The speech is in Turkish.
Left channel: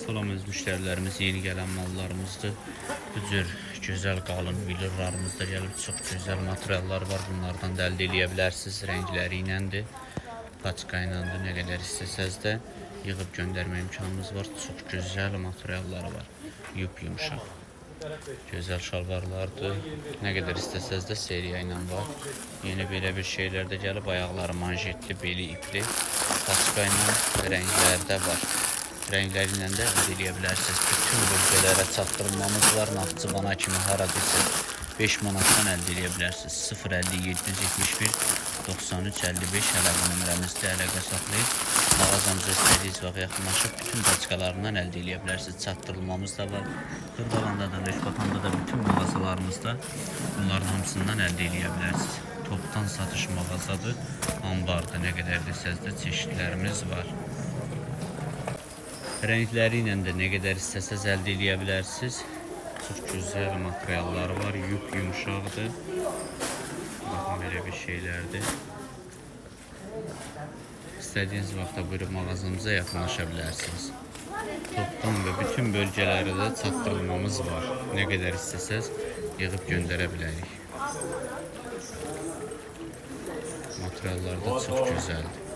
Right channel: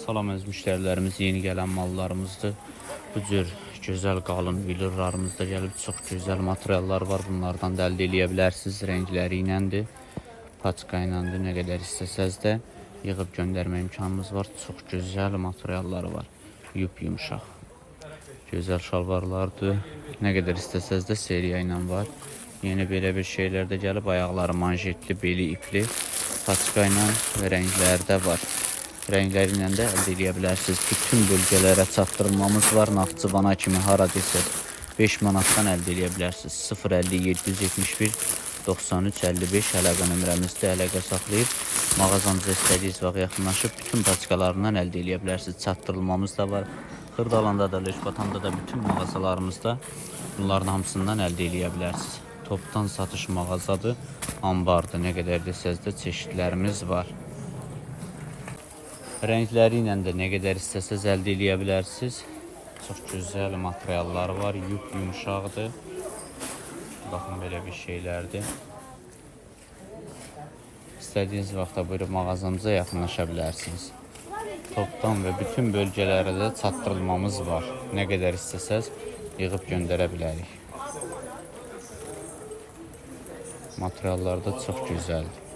Salam əziz müştərilərimiz, yeni gələn mallarımızdır. Bu cür gözəl qalın vilurlarımızda gəlib çox gözəl materiallar var. Bunlardan da əldə edə bilərsiniz. Rəngləri iləndir, paçka iləndir. Nə qədər istəsəz də yığıb göndərmə imkanınız var. Çox gözəl materialları var. Yup yumşaq. Gözəl şalvarlardır. Nə qədər istəsəz də seriya ilə var. Yeni belə bir şeylər də gəlib ayaqları manjetli, beli ipli, paçka ilə rənglərdə var. İlə də əldə edə bilərsiniz. Bütün bölgələrə çatdırılmamız var. Naxçıvana kimi haradasa 5 manatdan əldə edə bilərsiniz. 050 771 93 55 əlaqə nömrəmizdə əlaqə saxlayıb mağazamıza istədiyiniz vaxt yaxınlaşıb bütün paçkalarından əldə edə bilərsiniz. Çatdırılmamız da var. Xırdalanda da, Leşkatanda da bütün mağazalarımızda bunların hamısından əldə edə bilərsiniz. Topdan satış mağazadır, ambardır. Nə qədər desəz də çeşidlərimiz var. Rəngləri ilə də nə qədər istəsəz əldə edə bilərsiniz. Çox gözəl var, yup yumşaqdır. Baxın elə bir şeylərdir. İstədiyiniz vaxtda buyurub mağazamıza yaxınlaşa bilərsiniz. Topdan və bütün bölgələrə də çatdırılmamız var. Nə qədər istəsəz yığıb göndərə bilərik. Materiallar da çox gözəldir.